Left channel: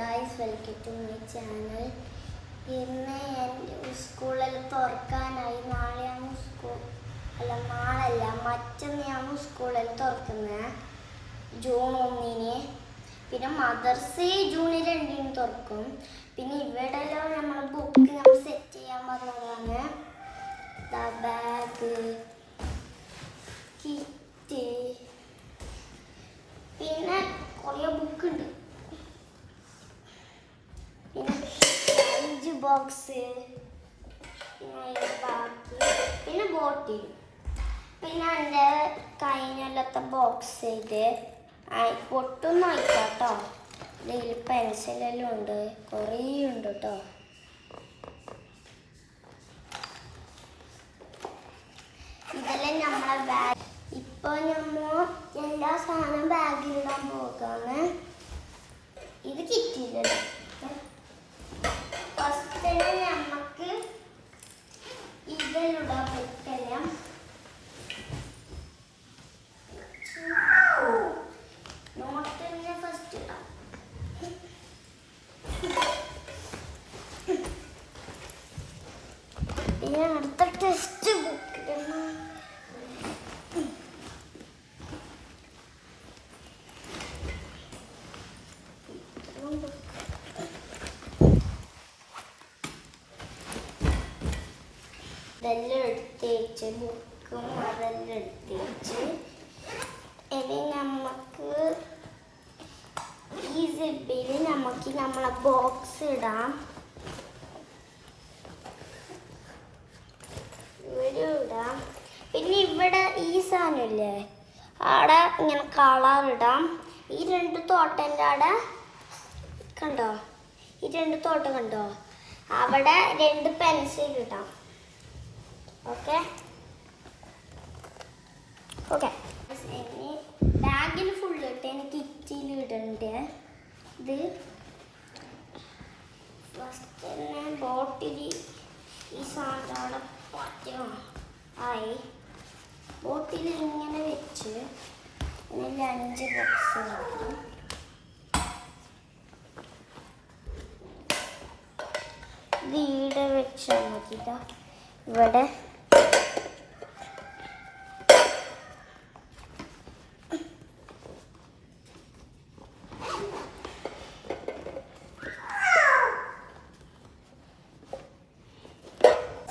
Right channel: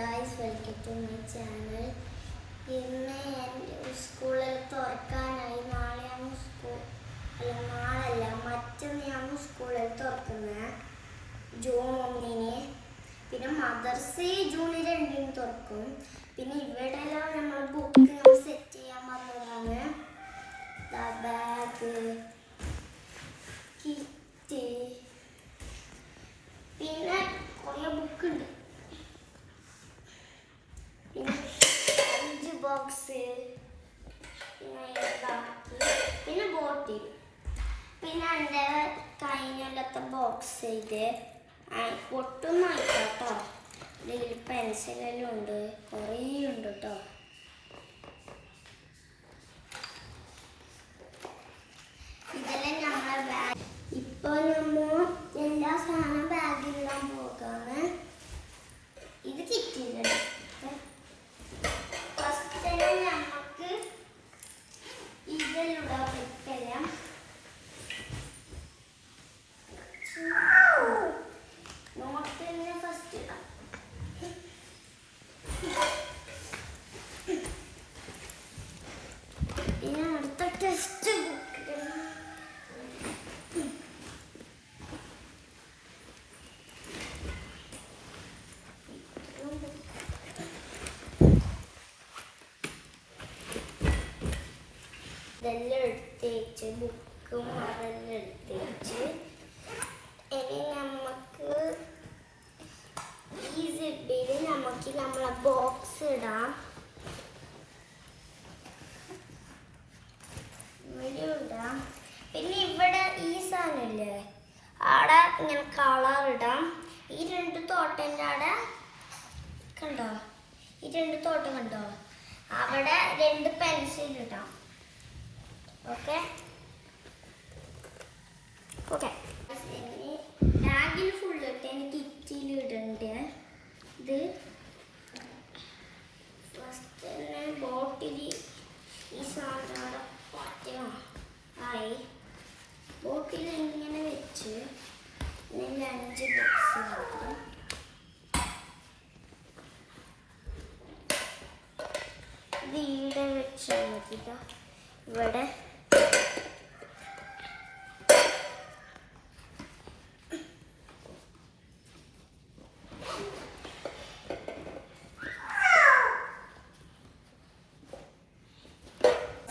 guys, welcome to my channel. ഇന്ന് ഞാൻ സ്കൂളിൽ തുറക്കാനായി നാളെയാണ് നാളല്ല മറ്റന്നാണ് സ്കൂളിൽ തുറക്കുന്നത് ജൂൺ 1-ന്. പിന്നെ മദർസ് ജൂൺ 2-ന് തുറക്കും. പിന്നെ ഇവിടെല്ലാം നമ്മൾ ബുക്ക് സെറ്റ് ചെയ്യാൻ പറഞ്ഞതാണ്. ബാഗ്, കിറ്റ്, പിന്നെ കുറേ ബുക്ക് ഉണ്ട്. പിന്നെ ബോക്സ്, പിന്നെ ബോട്ടിൽ, പിന്നെ എൻ്റെ കഴിഞ്ഞത്തെ ബോക്സ് ഇത് പൊട്ടൊന്നും ആയിട്ടോ. ഇതിൽ പെൻസിലെല്ലാം ഉണ്ട്, കുറേ ഉണ്ട് കേട്ടോ. ഇതെല്ലാം നമ്മളെ ബാഗ്. ഇപ്പൊ നമ്മൾ എല്ലാ സാധനവും ബാഗിലിടാൻ പോകാണ്. ഇത് കിറ്റിയില്ല. ഫസ്റ്റ് തന്നെ നമുക്ക് ഇതിലിടാൻ പറ്റില്ല. നോട്ട് തന്നെ ഫസ്റ്റ് ഇടാം. ഇനി അടുത്ത ടെക്സ്റ്റ് ബുക്ക് ഇടണം. ഇതെല്ലാം എടുത്തേച്ച് ബുക്കും അതെല്ലാം എടുത്തേച്ച് ഇനി നമുക്ക് ഈ സിബിൽ നമുക്ക് നമ്മളെ ബോക്സ് ഇടാം. ഇവിടെ ഇടാം. പിന്നെ ഇവിടെ ഈ സാധനമില്ലേ, അവിടെ ഇങ്ങനെ കളർ ഇടാം. ഈ രണ്ട് തോട്ടൻ്റെ അവിടെ കണ്ടോ, ഈ രണ്ട് തോട്ടം കണ്ടോ, അവിടെ രണ്ട് പെൻസിൽ ഇടാം. ഓക്കെ ഓക്കെ ബാഗിൽ ഫുള്ള് ഇട്ട് എനിക്ക് കിറ്റിയിൽ ഇടണ്ട്. ഇത് ഫസ്റ്റ് തന്നെ ബോട്ടിൽ ഈ സാധനം പറ്റോ ആയി. ബോട്ടിൽ ഇങ്ങനെ വെച്ച് ഇതിൽ 5 ബോക്സ് ഇടാം. ഇത് ഈടെ വെച്ചാൽ മതി. ഇവിടെ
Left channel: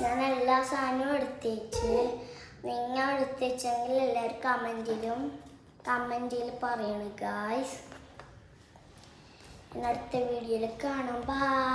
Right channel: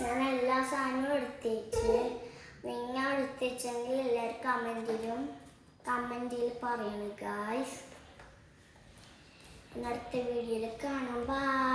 ഞാൻ എല്ലാ സാധനവും എടുത്തേച്ച്, നിങ്ങൾ എടുത്തേച്ചെങ്കിൽ എല്ലാവരും കമൻറ്റിൽ പറയണം ഗായ്സ്. അടുത്ത വീഡിയോയിൽ കാണാം. ബൈ.